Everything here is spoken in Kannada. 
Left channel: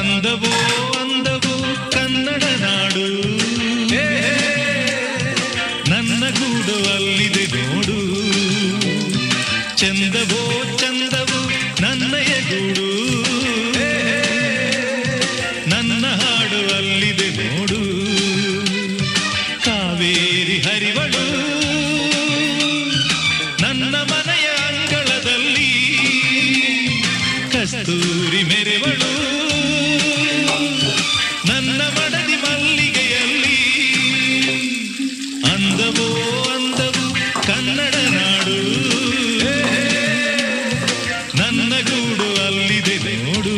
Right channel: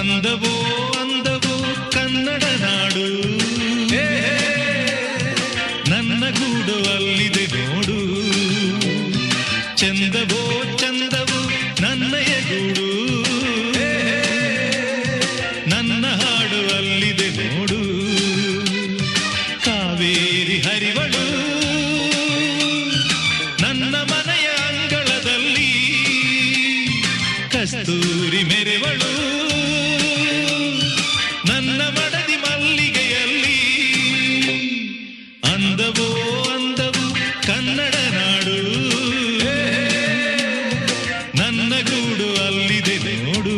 ಅಂದವೋ ಅಂದವೋ ಕನ್ನಡ ನಾಡು, ನನ್ನ ಗೂಡು ಅಲ್ಲಿದೆ ನೋಡು. ಚಂದವೋ ಚಂದವೋ ನನ್ನಯ ಗೂಡು, ನನ್ನ ಹಾಡು ಅಲ್ಲಿದೆ ನೋಡು. ಕಾವೇರಿ ಹರಿವಳು ನನ್ನ ಮನೆಯ ಅಂಗಳದಲ್ಲಿ, ಕಸ್ತೂರಿ ಮೆರೆವಳು ನನ್ನ ಮಡದಿ ಮಲ್ಲಿಗೆಯಲ್ಲಿ. ಅಂದವೋ ಅಂದವು ಕನ್ನಡ ನಾಡು, ನನ್ನ ಗೂಡು ಅಲ್ಲಿದೆ ನೋಡು.